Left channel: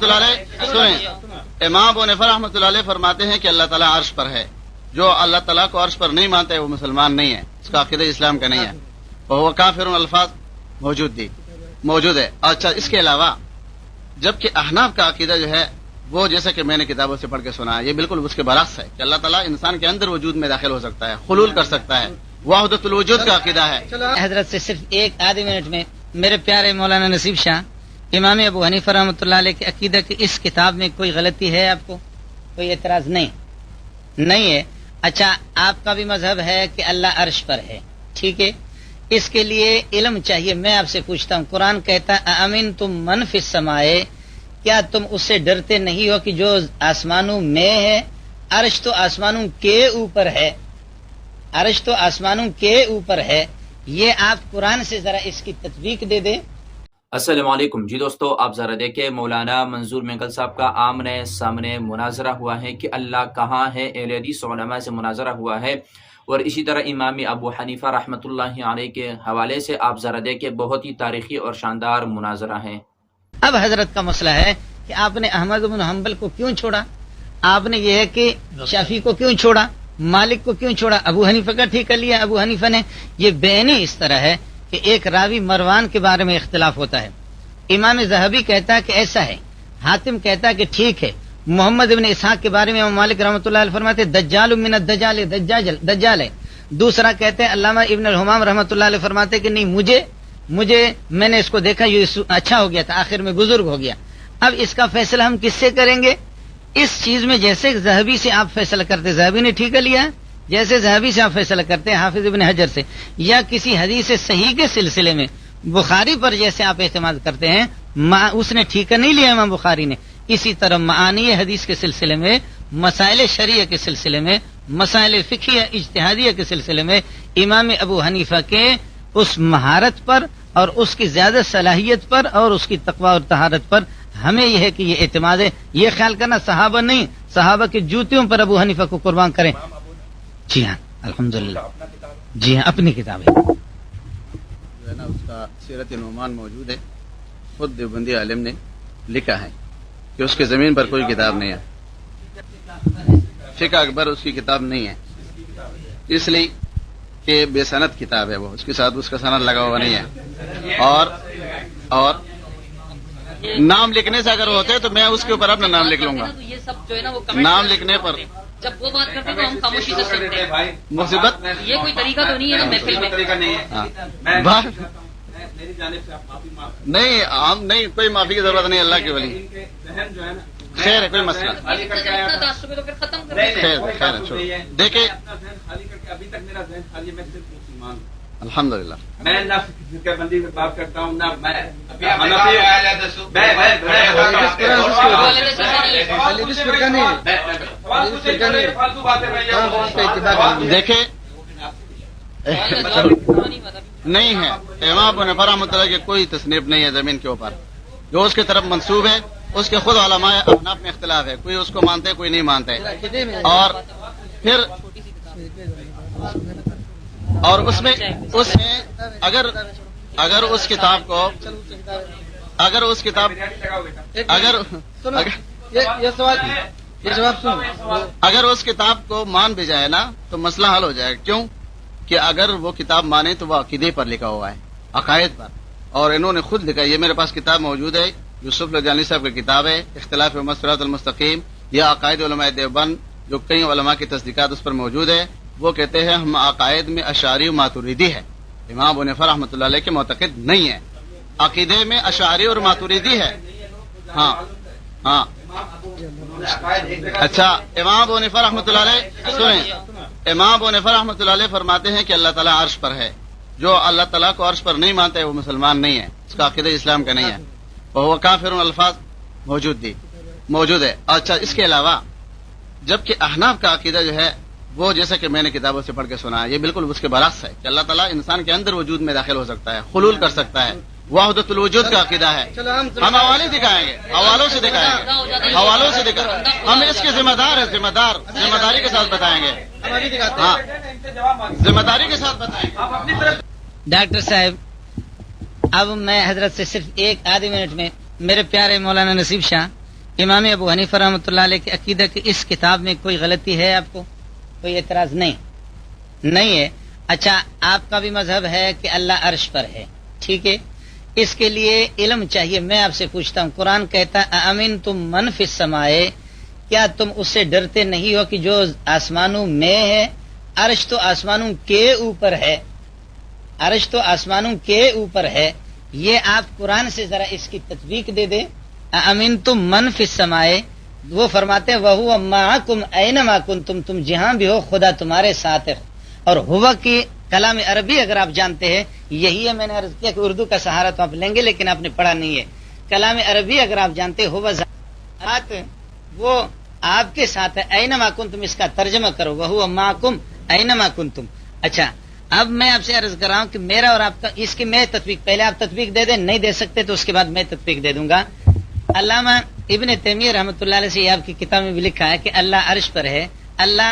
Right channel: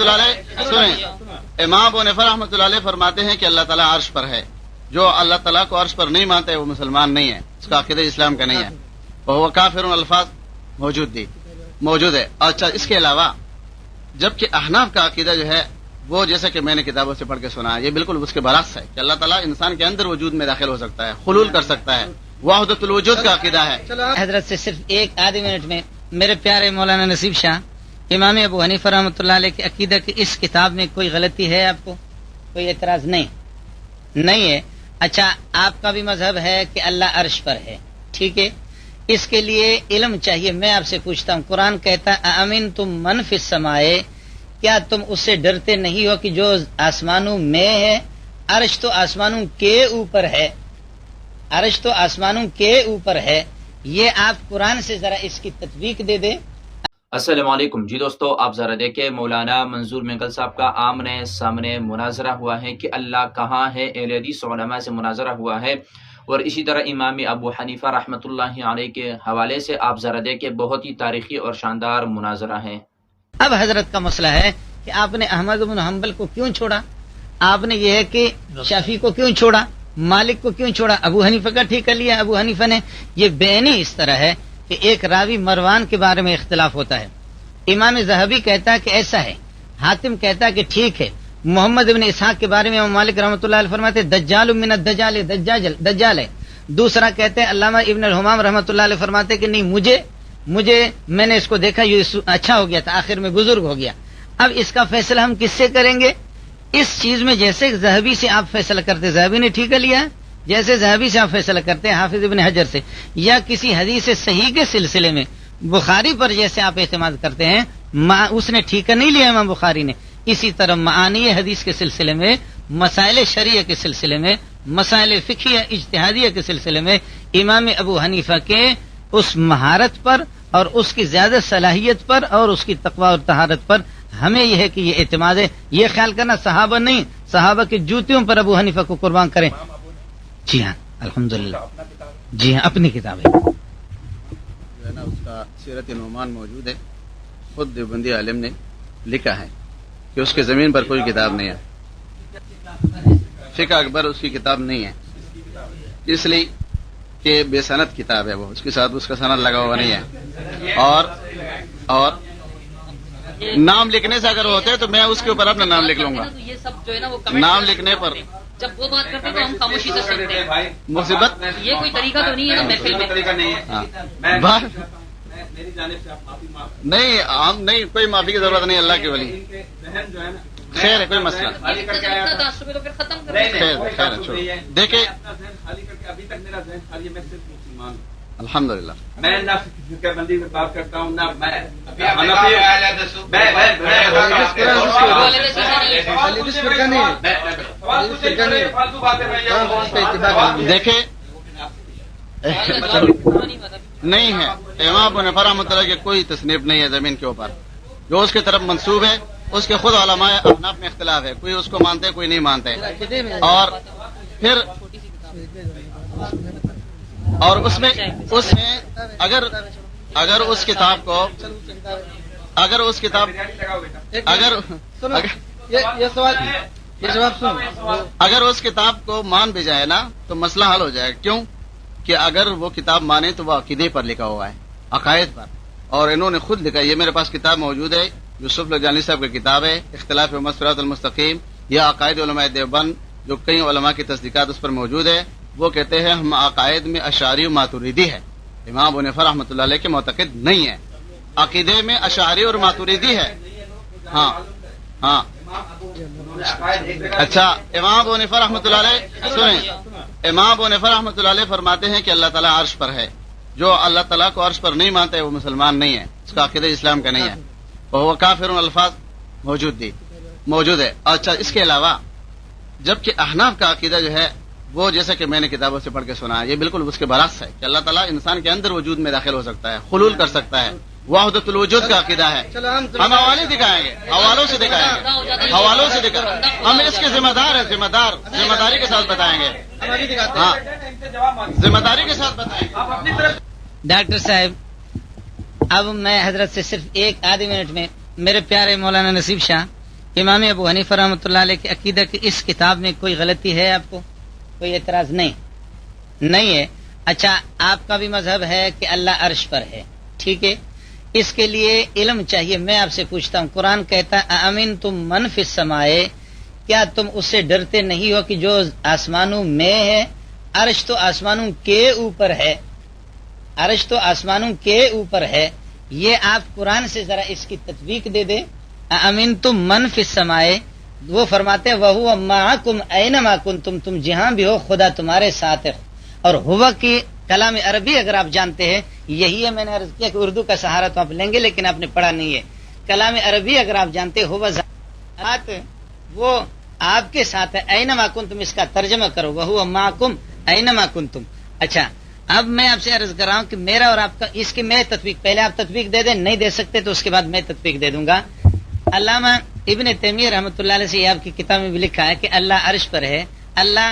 رحمۃ اللہ علیہ سنیں، امام ابو حنیفہ رحمۃ اللہ علیہ فرماتے ہیں کہ اللہ تعالیٰ عرش پر ہے. جو اللہ تعالیٰ کو عرش پر نہیں مانتا ہے وہ مسلمان نہیں ہے، اس کا عقیدہ اسلام کا نہیں ہے. وہ کافر الفاظ موجود ہے. اچھا، اس کے علاوہ جبکہ احناف کا عقیدہ جو ہے وہ جیسا کہ میں نے کتابوں سے پڑھ کے سنا ہے، یہ بالکل اس کے برعکس ہے کہ اللہ تعالیٰ انسان کے اندر وجود میں داخل ہو سکتا ہے، خلول کر سکتا ہے. وحدت الوجود کا عقیدہ ہے. حضرت سے صرف ایک آدھی منٹ میں میرے پیارے مولانا نصیب شاہ، امام ابو حنیفہ رحمۃ اللہ علیہ کے عقیدہ کی اس کتاب میں کوئی غلطی ہے؟ آپ کو کوئی اعتراض نہیں ہے؟ اچھا، آپ کا بھی مذہب ہے کہ اللہ عرش پر ہے، ٹھیک ہے. اس کے لیے علم چاہیے. میں آپ سے پوچھتا ہوں، قرآن کہتا امین تم من فی السماء، کیا تم اس سے ڈرتے نہیں ہو کہ جو آسمانوں میں ہے؟ عرش تو آسمانوں کے اوپر ہے، عرش تو آسمانوں کے اوپر ہے. یہ آپ قرآن سے ذرا اس کی تطبیق دے دیں. السلام علیکم جی دوستو، آپ ذرا دیکھیں، مولانا منظور مینگل صاحب کا آمنے سامنے مناظرہ ہوا ہے کہ اللہ کہاں ہے. اہل حدیث علماء سے مناظرہ ہوا ہے، اور اسی طرح امام ابو حنیفہ رحمۃ اللہ علیہ کے حوالے سے آپ ذرا دیکھیں، بہت ہی تاریخی اور شاندار مناظرہ ہے. اب حضرت کا مسئلہ ہے کہ آپ نے احمد بن حنبل کو کیوں چھوڑا، آپ نے یہ ہے کہ شافعی کو کیوں چھوڑا، مالک کو کیوں چھوڑا، ابو حنیفہ کا ٹھیک کر لیا ابو حنیفہ نے. یہ بینی اس طرح ہے کہ ایک راوی مروان کے بارے میں اختلاف ہوتا ہے، امام ذہبی کہتا ہے کہ ایسا ہے، حاتم کہتا ہے کہ ٹھیک ہے. محمد بن اسحاق کے بارے میں امام مالک رحمۃ اللہ علیہ فرماتے دجال من الدجال، دجال ہے. دوسرا کہتے ہیں علامہ ابن الحمام رحمۃ اللہ علیہ فرماتے کہ نہیں، مجھے میں نے اس کو دیکھا، یہ اچھا ہو گیا تھا، آخر میں بزرگ ہو گیا. اب اس کا فیصلہ ہم کس سے کریں گے؟ اس چیز میں جیسے ذہبی سے آپ فیصلہ کرتے، ذہبی نے ٹھیک کر لیا، جیسے ذہبی سے آپ فیصلہ کرتے ہیں حافظ ابن حجر سے، یا کسی حدیث صحیح کے سلسلے میں بخاری پر جیسے آپ اعتماد کرتے ہیں، اس نے ٹھیک نہیں لیا امام بخاری نے. اسی طرح معانی حدیث کے سلسلے میں، مسائل شریعہ کے سلسلے میں، مسائل فقہیہ اجتہادیہ کے سلسلے میں امام ابو حنیفہ کے اس مہارت پر اور اس کی زیادہ صلاحیت پر اور اس کی تقوی اور طہارت پر ہمیں یہ ہے کہ یہ اعتماد ہے. یہ خیال کرنا صحابہ نہیں، صحابہ کی جوتیوں پر ابو حنیفہ کو قربان کریں. جی ہاں، الحمدللہ. جی ہاں، اپنی کتابیں اس کا سیرت نعمان موجود ہے. خود دیوبندی عالم نے لکھا ہے کہ اس کے زمین پر کوئی کتاب نہیں ہے. فقہ اکبر اس کی کتاب نہیں ہے، اس لیے کہ بے سند کتاب ہے، وہ اس کے ساتھ اس کا سند لگا ہوا نہیں ہے. اور نام لکھنے سے اگر ہوتے تو میں اس کے اوپر اپنا نام لکھ لوں گا. نام لکھنے پر جب وہ بات کرتے تو ہم خاموشی کر سکتے ہیں. مصیبت یہ کوئی طریقہ تو نہیں ہے محفل میں. نہیں، ہم نہیں، کوئی معافی کی ضرورت نہیں. اللہ کے ولی خیر ہے، کوئی مسئلہ دیکھیں. الحمدللہ بات کرتا ہوں نا میں. دیکھیں، نہیں ہے امام ابو حنیفہ رحمۃ اللہ کے کوئی تصنیف نہیں ہے زمین کے اوپر. جو اس کی طرف منسوب ہے اس کے خود علماء احناف میں اختلاف ہے، کوئی اس کو مانتے کوئی نہیں مانتے. اور اس میں اگر اس کتاب کو اگر اس کتاب کو مان بھی جائے نا تو مسئلہ حل ہو جائے گا. کیوں کہ اگر وہ کتاب مانے تو وہ عقیدے پر لکھا ہوا ہے، عقائد پر. اور انہوں نے خود لکھا، یہ میرے پاس کتاب موجود ہے، یوسف لدھیانوی صاحب کی کتاب ہے اختلاف صراط المستقیم، یہ عقائد علماء دیوبند، جو کئی علماء کی تصدیقات اس پر موجود ہے. وہ کہتے ہیں ہم عقائد میں اشعری و ماتوریدی ہے. امام ابو حنیفہ رحمۃ اللہ علیہ کے معتقد نہیں ہے، عقیدے میں اشعری اور ماتوریدی ہے. ہاں اچھا، امام ابو حنیفہ رحمۃ اللہ علیہ سنیں، امام ابو حنیفہ رحمۃ اللہ علیہ فرماتے ہیں کہ اللہ تعالیٰ عرش پر ہے. جو اللہ تعالیٰ کو عرش پر نہیں مانتا ہے وہ مسلمان نہیں ہے، اس کا عقیدہ اسلام کا نہیں ہے. وہ کافر الفاظ موجود ہے. اچھا، اس کے علاوہ جبکہ احناف کا عقیدہ جو ہے وہ جیسا کہ میں نے کتابوں سے پڑھ کے سنا ہے، یہ بالکل اس کے برعکس ہے کہ اللہ تعالیٰ انسان کے اندر وجود میں داخل ہو سکتا ہے، خلول کر سکتا ہے. وحدت الوجود کا عقیدہ ہے. ہم حوالے دکھائیں گے، حوالوں سے دکھائیں گے. ہم اس کے ذمہ دار ہیں، ذمہ داری کے ساتھ بتائیں گے. ہاں، ذمہ داری کے ساتھ بتائیں گے. ڈاکٹر صاحب، اب میں حضرت سے صرف ایک آدھی منٹ میں میرے پیارے مولانا نصیب شاہ، امام ابو حنیفہ رحمۃ اللہ علیہ کے عقیدہ کی اس کتاب میں کوئی غلطی ہے؟ آپ کو کوئی اعتراض نہیں ہے؟ اچھا، آپ کا بھی مذہب ہے کہ اللہ عرش پر ہے، ٹھیک ہے، اس کے لیے علم چاہیے۔ میں آپ سے پوچھتا ہوں، قرآن کہتا ہے امین تم من فی السماء، کیا تم اس سے ڈرتے نہیں ہو کہ جو آسمانوں میں ہے؟ عرش تو آسمانوں کے اوپر ہے، عرش تو آسمانوں کے اوپر ہے۔ یہ آپ قرآن سے ذرا اس کی تطبیق دے دیں۔ امین تم من فی السماء، وہ فرماتے ہیں وَهُوَ مَعَكُمْ أَيْنَمَا كُنْتُمْ، تم جہاں بھی ہو خدا تمہارے ساتھ ہے۔ اور ہوا کے کلام عربی اگر آپ جانتے ہیں، یہی ہے، میں نے عرض کیا کہ اردو کا سہارا تو آپ لیں گے لیکن آپ نے پڑھا نہیں ہے۔ کلام عربی اگر آپ جانتے ہوا ذات وہ آپ کے ساتھ ہے، أَيْنَمَا كُنْتُمْ، اس کا ترجمہ کرو وَهُوَ مَعَكُمْ أَيْنَمَا كُنْتُمْ۔ اچھا، اب میں آپ سے عرض کر رہا ہوں کہ میرا اور آپ کا اس کی میں تطبیق، پہلے آپ تطبیق دے دیں، نہیں دے سکتے تو اس کے بعد میں تطبیق دے دوں گا۔ علامہ ابن تیمیہ رحمۃ اللہ علیہ سے آپ کی کتاب میں بھی لکھا ہے کہ اللہ عرش پر ہے، اللہ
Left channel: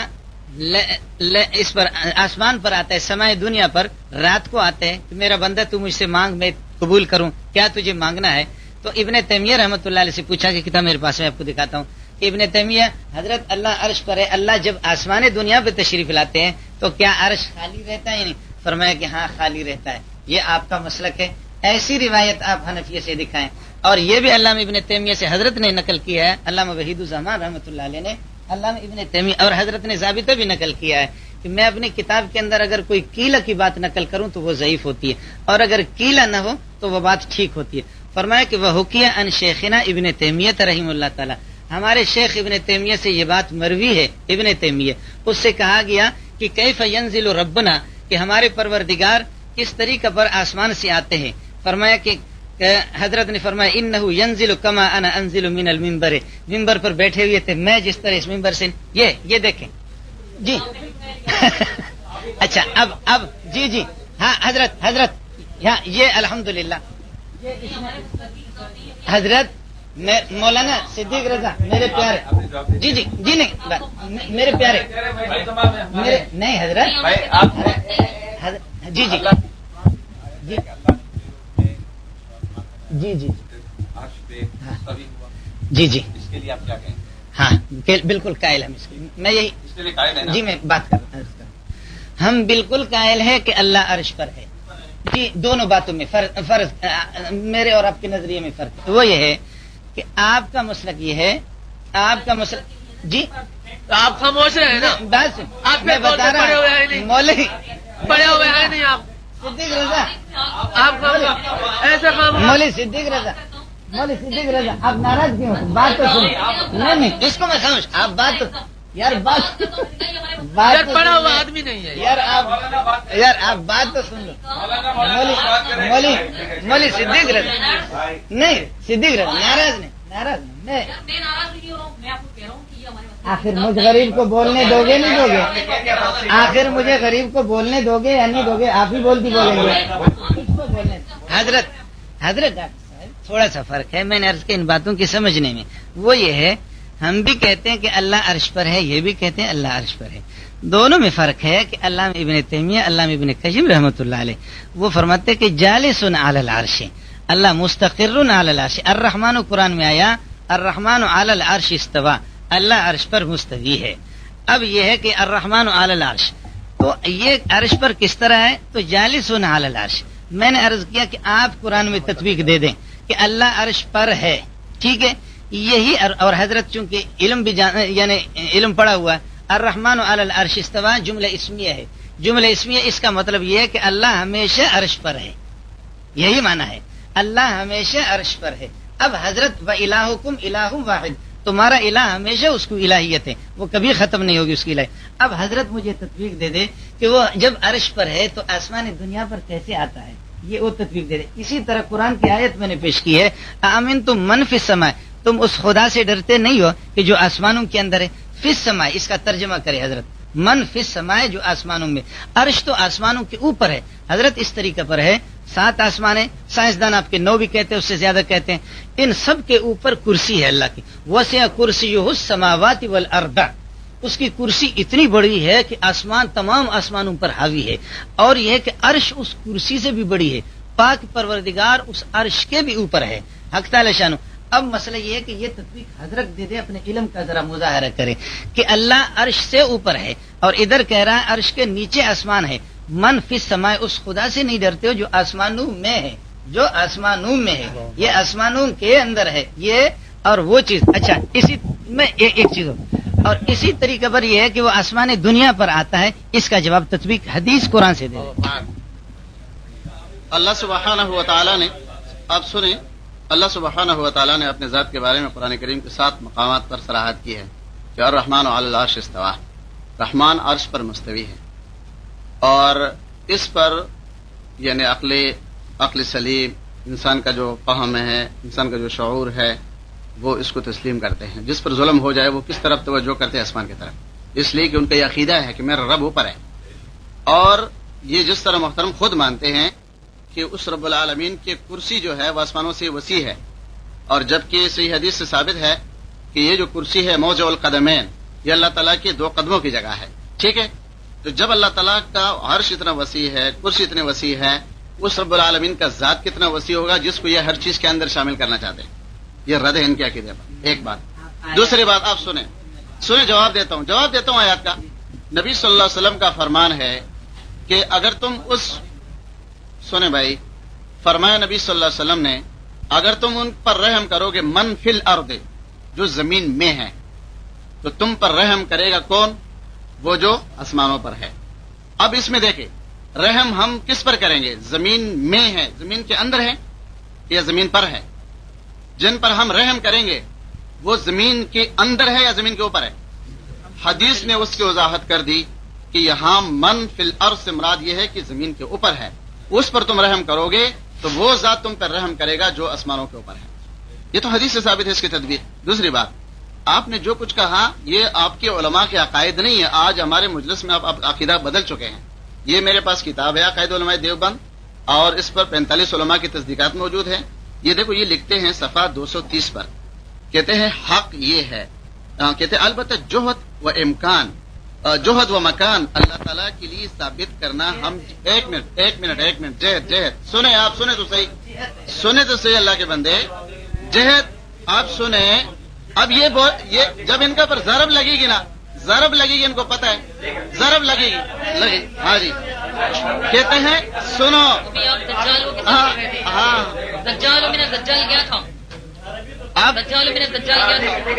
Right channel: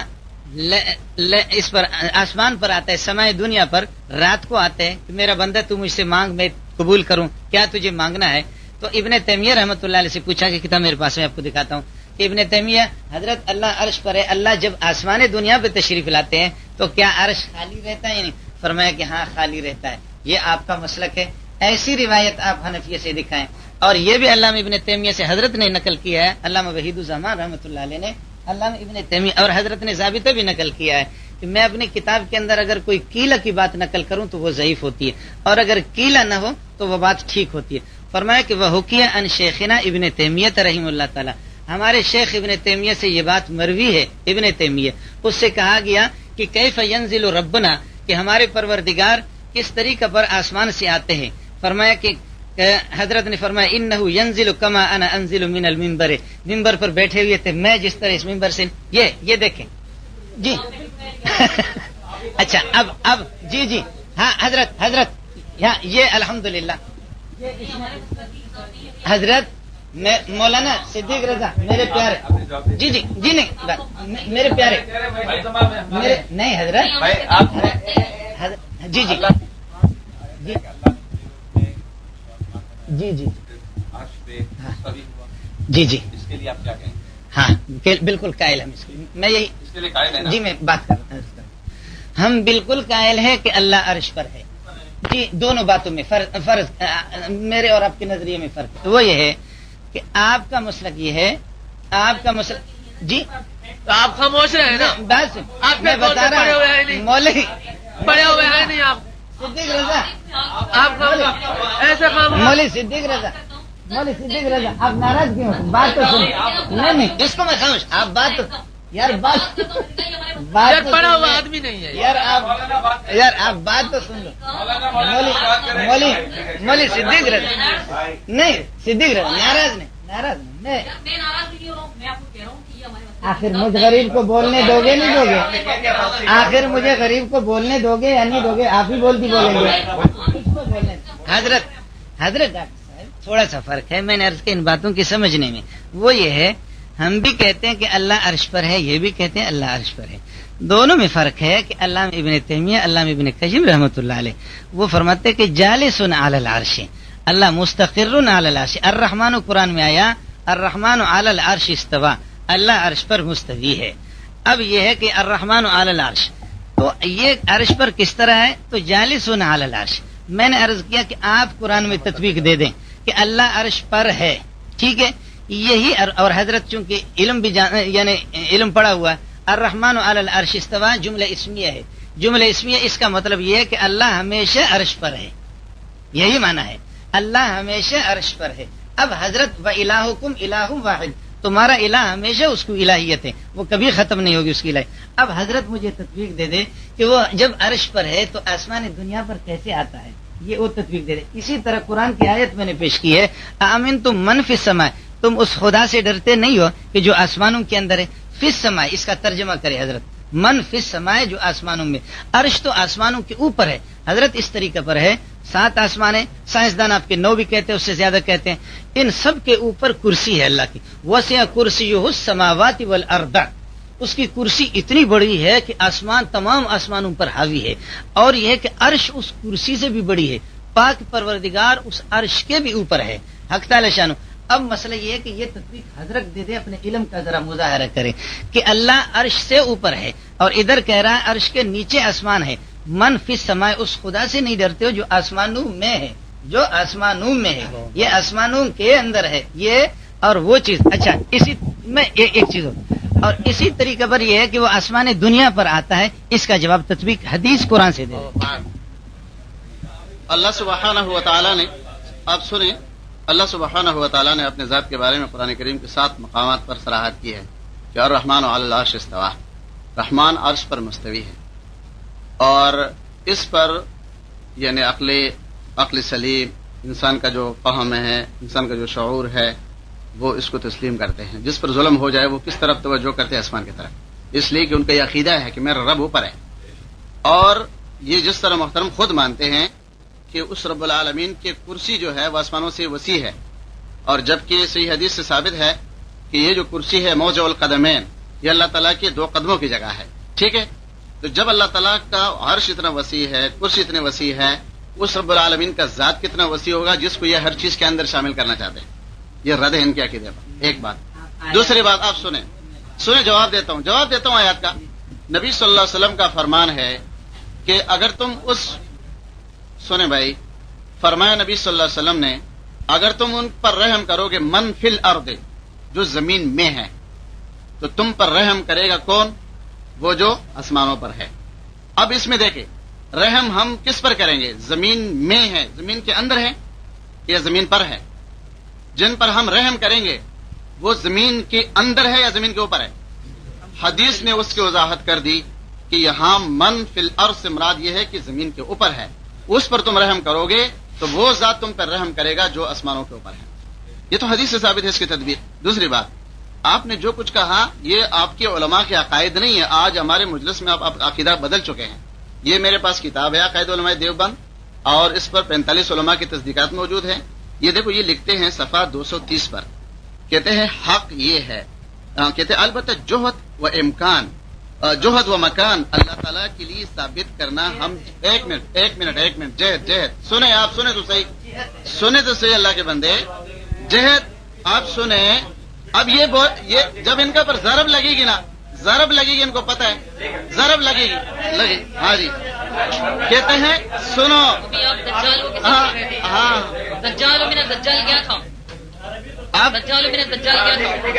اس پر آسمان پر آتا ہے، سمائے دنیا پر رات کو آتا ہے کہ میرا بندہ تو مجھ سے مانگ، میں قبول کروں، کیا تجھے مانگنا ہے؟ تو ابن تیمیہ رحمۃ اللہ علیہ سے پوچھا کہ کتاب میرے پاس ہے، آپ کو دکھاتا ہوں۔ ابن تیمیہ، حضرت اللہ عرش پر ہے، اللہ جب آسمان دنیا پہ تشریف لاتے ہیں تو کیا عرش خالی رہتا ہے؟ نہیں، فرمایا کہ ہاں خالی رہتا ہے۔ یہ آپ کا مسلک ہے، ایسی روایت آپ حنفیہ سے دکھائیں۔ اور یہ بھی علامہ ابن تیمیہ سے حضرت نے نقل کیا ہے، علامہ وحید الزمان رحمۃ اللہ علیہ نے، علامہ ابن تیمیہ اور حضرت نے ثابتہ بھی نقل کیا ہے کہ میں اپنی کتاب کے اندر اگر کوئی قیلہ کی بات نقل کروں تو وہ ضعیف ہوتی ہے، اور اگر قیلہ نہ ہو تو وہ بات ٹھیک ہوتی ہے۔ فرمایا کہ وہ حکیہ ان شیخنا ابن تیمیہ رحمہ اللہ تعالی، ہمارے شیخ ابن تیمیہ سے یہ بات مروی ہے، ابن تیمیہ اس سے کہا گیا کہ کیف ینزل ربنا، کہ ہمارے پروردگار کس طریقہ پر آسمان سے آتے ہیں۔ فرمایا کہ حضرت نے فرمایا انہ ینزل کما انا انزل من المنبر، منبر پر بیٹھے ہوئے تھے میں جس طرح اس منبر سے، یہ دیکھیں جی اچھا اب جی ہاں حضرت یہ الحمدللہ حضرت مولانا صدیق رضا میرے پیارے، جی نہیں میرے پیارے، نہیں حضرت جی ہاں بالکل قائل ہم، میں یہی جی میں بات کرتا ہوں، ہم بالکل قائل ہے کہ اللہ عرش پر ہے۔ جی دونوں باتوں میں فرض میرے اور آپ کے نظریے میں فرق وہ یہ ہے کہ آپ کا مسلک یہ ہے، آپ کا مسلک جی تو آپ خاموش ہیں نا، بس آپ میں بتا رہا ہوں مولوی پڑے ہوئے ہیں نہیں آپ، صدیق رضا، آپ ایسا مولوی صدیق رضا آپ ناراض کیوں؟ بات تو سن، نہیں اس کو میں سمجھ، آپ بات تو یار بات پڑا ہوا آدمی نہیں ہے یار آپ بات تو سن لو، مولوی صدیق رضا نہیں، صدیق رضا ناراض نہیں آخر مجھے غریب کو بولنے دو گے نہیں دو گے؟ آخر مجھے غریب کو بولنے دو گے یا نہیں دو گے؟ آپ ہی بول دی بولیں گے۔ حضرت تھوڑا سا فرق ہے، میں نے عرض کے ان باتوں کی سمجھنے میں، وہ یہ ہے ہم بھی کہتے ہیں کہ اللہ عرش پر ہے، یہ بھی کہتے ہیں اللہ عرش پر ہے، دونوں میں فرق ہے کہ علامہ ابن تیمیہ، علامہ ابن قیم رحمۃ اللہ علیہ وہ فرماتے ہیں کہ جالس علی العرش، اللہ مستقر علی العرش، الرحمن قرآن میں آیا الرحمن علی العرش استوى، اللہ عرش پر مستوی ہے۔ اب یہ ہے کہ الرحمن علی العرش، تو یہ عرش پر کس طرح ہے؟ تو جالس علی العرش، میں نے عرض کیا کہ آپ قرآن میں تطبیق دے دیں کہ اللہ عرش پر ہے، ٹھیک ہے، یہی اور حضرت چونکہ علم بھی یعنی علم پڑا ہوا ہے، الرحمن علی العرش استوى جملہ اسمیہ ہے، جملہ اسمیہ اس کا مطلب یہ ہے کہ اللہ ہمیشہ عرش پر ہے، یہی معنی ہے اللہ ہمیشہ عرش پر ہے۔ اب حضرت وَإِلَٰهُكُمْ إِلَٰهٌ وَاحِدٌ، تمہارا الہ ہمیشہ اس کو الہیت ہے، وہ کبھی ختم نہیں ہوگی اس کی الہ۔ اب حضرت مجھے تطبیق دے دے کہ وہ جب عرش پر ہے تو آسمان دنیا پر کیسے آتا ہے، یہ وہ تطبیق دے دے۔ اسی طرح قرآن کی آیت میں نے پیش کی ہے آمنتم من فی السماء، تم اس خدا سے ڈرتے نہیں ہو کہ جو آسمانوں کے اندر ہے، فی السماء اس کا ترجمہ کرے حضرت، من فی السماء جو آسمانوں میں، عرش تو آسمانوں کے اوپر ہے حضرت، اس طریقے پر ہے 7 آسمان ہیں، سائنسدان آپ کے 9 بھی کہتے ہیں، اس سے زیادہ کہتے ہیں، ان سب کے اوپر کرسی ہے اللہ کی، وسع کرسیہ السماوات والارض، اس کی کرسی اتنی بڑی ہے کہ آسمان تمام آسمانوں پر حاوی ہے، اور یہ کہ عرش اس کرسی سے بھی بڑی ہے، پاک پروردگار اس عرش کے بھی اوپر ہے، حق تعالی شانو۔ اب مسئلہ یہ ہے کہ یہ تطبیق حضرت دے دے، اپنے علم کا ذرا مظاہرہ کرے کہ اللہ عرش سے اوپر ہے اور ادھر کہہ رہا ہے عرش کے نیچے آسمان ہے. من فی السماء، اس خدا سے نہیں ڈرتے ہو جو آسمانوں میں ہے، جو آسمانوں میں ہے، یہ آسمانوں کے اندر ہے یہ اور وہ چیز. اچھا اسی میں ایک چیز اور اسی طریقہ پر یہ ہے کہ وہ آسمان دنیا پر آتا ہے. اس کا جواب تطبیق حدیث قرآن سے دے. اللہ سبحانہ و تعالیٰ نے، آپ سنیں، اللہ سبحانہ و تعالیٰ نے اپنے ذات کے بارے میں قرآن کریم کے 7 مقامات پر صراحت کی ہے کہ الرحمن علی العرش استویٰ، رحمان عرش پر مستوی ہے. اور اس پر یعنی عقل سلیم، انسان کا جو فہم ہے، انسان کا جو شعور ہے، وہ اس کو تسلیم کرتے ہیں. جس پر ظلم ہو جائے وہ کس طرف توجہ کرتے ہیں؟ آسمان کی طرف. اس لیے کہ ان کا یہ عقیدہ ہے کہ میرا رب اوپر ہے. اور یہ جس طرح محترم خود مانتے ہیں کہ اس رب العالمین کی کرسی جو ہے وہ آسمانوں سے وسیع ہے، اور جبکہ صحیح حدیث سے ثابت ہے کہ یہ جو کرسی ہے موضع القدمین، یہ اللہ تعالیٰ کے 2 قدموں کی جگہ ہے. ٹھیک ہے، تو جب اللہ تعالیٰ کا عرش اتنا وسیع ہے، کرسی اتنی وسیع ہے، اس رب العالمین کا ذات کتنا وسیع ہوگا جس کو یہ ہر چیز کے اندر شامل کرنا چاہتے ہیں. یہ رد ہے ان کے عقیدے پر. ایک بات. دوسری بات آپ سنیں جواب دیتا ہوں آیات کا. نبی صلی اللہ علیہ وسلم کا فرمان ہے کہ اگر تم سنیں بھائی، فرمایا نبی صلی اللہ علیہ وسلم نے اگر تم ان پر رحم کرو گے من فی الارض، جو زمین میں ہے، تو تم پر رحم کرے گا کون؟ وہ جو آسمانوں پر ہے. اب اس میں دیکھیں رحم ہم کس پر کریں گے؟ زمین میں ہے، زمین کے اندر ہے یا زمین پر ہے؟ جن پر ہم رحم کریں گے وہ زمین کے اندر ہے یا زمین کے اوپر ہے؟ حدیث نے اس کی وضاحت کر دی کہ یہاں من فی الارض سے مراد یہ ہے کہ زمین کے اوپر ہے. اس پر تم رحم کرو گے تو وہ ذات تم پر رحم کرے گا جو آسمانوں کے اوپر ہے. یہ تو حدیث سے ثابت ہے اس کی تدبیر. دوسری بات، آپ نے جو کچھ کہا یہ آپ کے علماء کے عقائد نہیں ہے. آج ہمارے مجلس میں آپ عقیدہ بدل چکے ہیں. یہ میرے پاس کتاب ہے عقائد علماء دیوبند، اور اس پر 45 علماء کی تصدیقات موجود ہیں. یہ دیکھو، یہ لکھتے ہیں صفحہ 230 پر، کہتے ہیں حق یہ ہے، کہتے ہیں البتہ جوہد و امکان، جوہد و مکان اللہ تعالیٰ کے لیے ثابت کرنا ہم ایک منٹ جہد سنیں، آپ سنیں تو صحیح اللہ کے بندے، جہد آپ سنیں. اب یہ جب ان کا پر ضرب لگے گی نا، ضرب لگے گی، ان کو پتہ ہے ضرب لگے گی. ہاں جی، کہتے ہیں سنو، آپ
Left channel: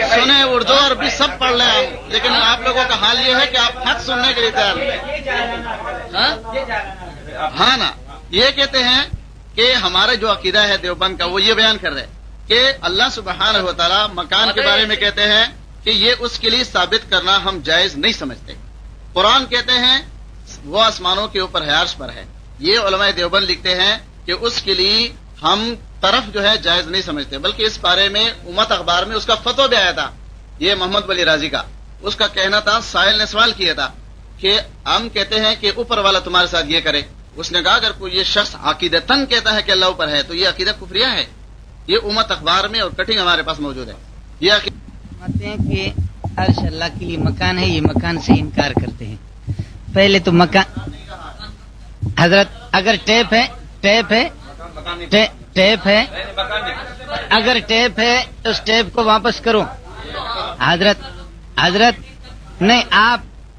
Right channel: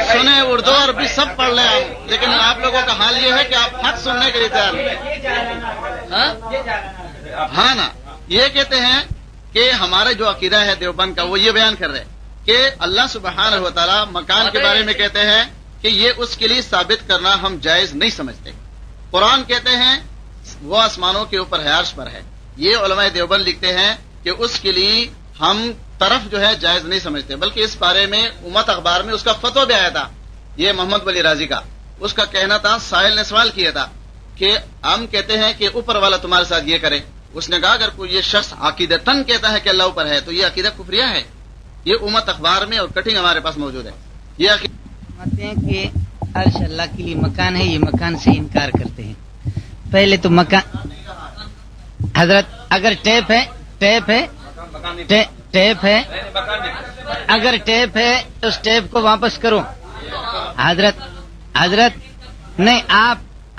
سنیں، اردو اور بھی سب پڑھ لیں آپ، لیکن آپ لوگوں کا حال یہ ہے کہ آپ حق سننے کے لیے تیار ہیں. ہاں نا، یہ کہتے ہیں کہ ہمارا جو عقیدہ ہے دیوبند کا وہ یہ بیان کر رہے کہ اللہ سبحانہ و تعالیٰ مکان کے بارے میں کہتے ہیں کہ یہ اس کے لیے ثابت کرنا ہم جائز نہیں سمجھتے. قرآن کہتے ہیں وہ آسمانوں کے اوپر ہے، عرش پر ہے. یہ علماء دیوبند لکھتے ہیں کہ اس کے لیے ہم طرف جو ہے جائز نہیں سمجھتے، بلکہ اس بارے میں امت اخبار میں اس کا فتویٰ بھی آیا تھا، یہ محمد ولی راضی کا. اس کا کہنا تھا، سائل نے سوال کیا تھا کہ ہم کہتے ہیں کہ اوپر والا تمہارے ساتھ یہ کرے. اس نے کہا اگر کوئی یہ شخص عقیدتاً کہتا ہے کہ اللہ اوپر ہے تو یہ عقیدہ کفریہ ہے. یہ امت اخبار میں اور کٹنگ ہمارے پاس موجود ہے. یہ فرماتے ہیں کہ عرش اللہ کے لیے مکان ہے، یہ مکان سے انکار کرتے ہیں. پہلے تو مکان حضرت اگر ٹیپ ہے اگر ٹیپ ہے تو اس ٹیپ کو واپس کرو. حضرت نہیں،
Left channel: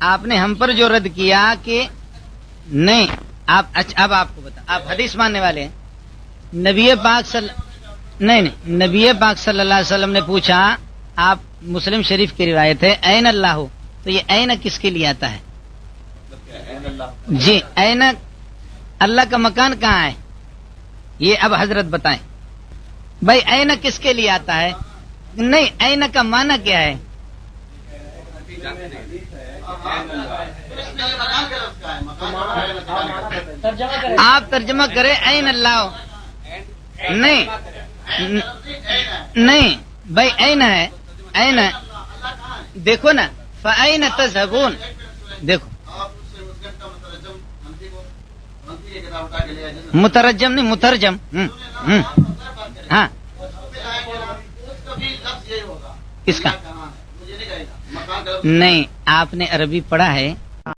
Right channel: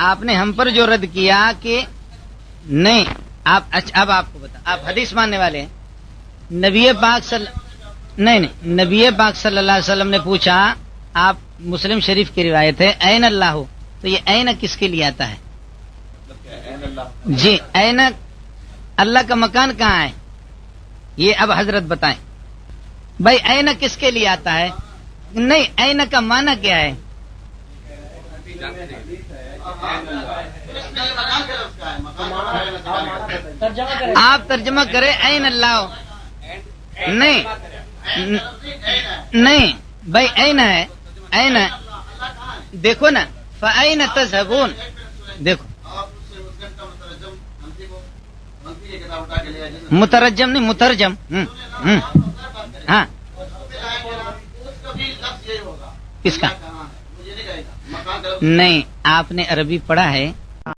آپ نے ہم پر جو رد کیا کہ نہیں، اب آپ کو بتا، آپ حدیث ماننے والے ہیں. نبی پاک صلی اللہ علیہ وسلم نے پوچھا، آپ مسلم شریف کی روایت ہے این اللہ ہو، تو یہ این کس کے لیے آتا ہے؟ جی، این اللہ کا مکان کہاں ہے؟ یہ اب حضرت بتائیں بھائی، این کس کے لیے آتا ہے؟ نہیں، این کا معنی کیا ہے؟ آپ ترجمہ کریں این اللہ ہو. نہیں بھائی، این ہے، این دیکھو نا، فَأَيْنَ تَذْهَبُونَ. دیکھو مترجم نہیں، مترجم. ہاں، کس کا؟ نہیں، آپ نے عربی پڑھا ہے